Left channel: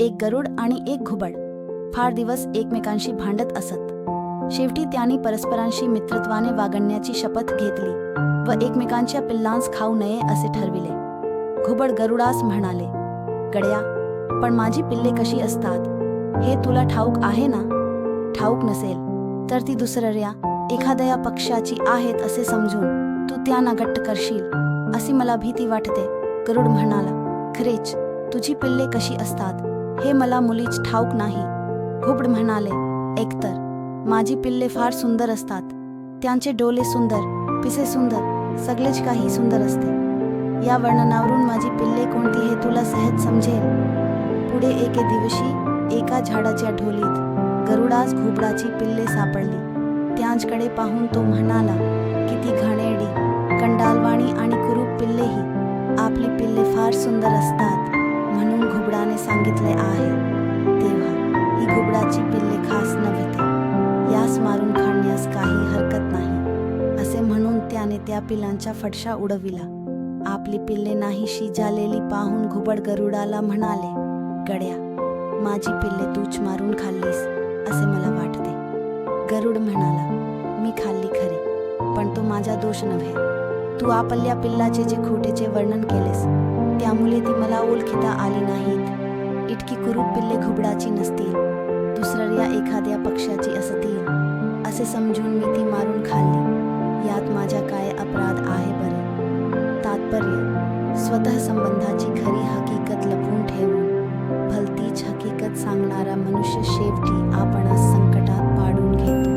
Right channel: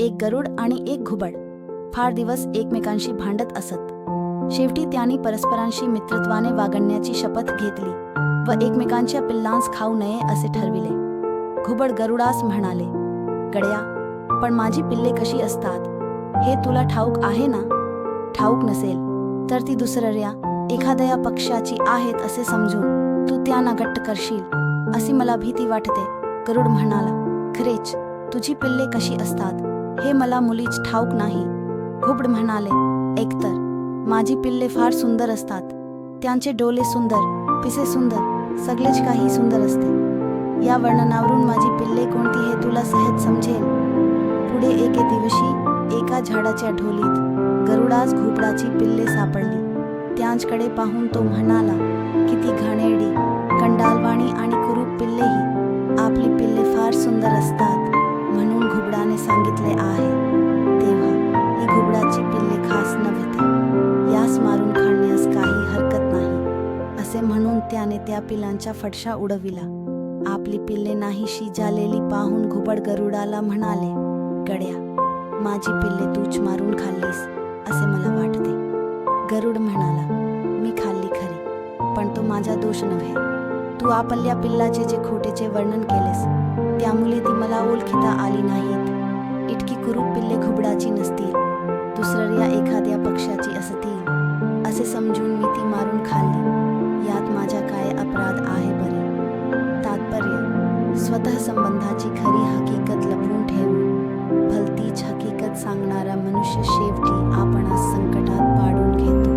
एक गरुड आणि एक घुबड. फार दिवस एकमेकांशी भांडत असत. शेवटी त्यांनी परस्परांशी मित्रत्वाने वागण्याची शपथ घेतली व एकमेकांच्या पिल्लांस खाऊ नये असे ठरविले. घुबड गरुडास म्हणाले गड्या पण माझी पिल्ले कशी असतात? हे तुला ठाऊक आहे ना? ठाऊक नसेल तर ती दुसऱ्या एखाद्या पक्षाची आहेत असे समजून तू त्यांना गट्ट करशील अशी मला भीती वाटते गरुड म्हणाला. खरेच तुझी पिल्ले कशी असतात? हे मला मुलीच ठाऊक नाही. घुबड म्हणाले एकतर. माझी पिल्ले फार सुंदर असतात. त्यांचे डोले सुंदर पिसे सुंदर सगळेच काही सुंदर असते. या वर्णनावरून माझी पिल्ले कोणती हे तुला सहज समजेल. पुढे एके दिवशी एका झाडाच्या ढोलीत गरुडास घुबडाची पिल्ले सापडली. त्यांच्याकडे पाहून तो म्हणाला किती घाणेरडी कंडालवाणी आणि कुरूप पिल्लेही. आपली पिल्ले फार सुंदर असतात. घुबडाने सांगितले आहे. तेव्हा ही घुबडाची पिल्ले खास नव्हते यास मारून खाण्यास काही हरकत नाही. असे म्हणून त्याने त्या पिलांच्या फटशा उडविला. आपली पिल्ले नाहीशी झालेली पाहून घुबड गरुडाला म्हणाले गड्या माझी पिल्ले तूच मारून खाल्लीस असे मला वाटते. गरुड म्हणाला मी खाल्ली खरी पण तो माझा दोष नव्हे. तू आपल्या पिल्लाचे जे खोटेचे वर्णन केलेस त्यामुळे ती मला ओळखिता आली नाहीत. इतकी कुरूप पिल्ले घुबडाची नसतील. दुसऱ्या एखाद्या पक्षाची असतील. असे समजून मी ती मारून खाल्ली. यात माझा काय अपराध आहे बरे? तात्पर्य स्वतः संबंधाची खरी हकीकत लपवून ठेवून भलतीच हकीकत सांगणारा मनुष्य शेवटी आपणास संकटात पाडून घेतो.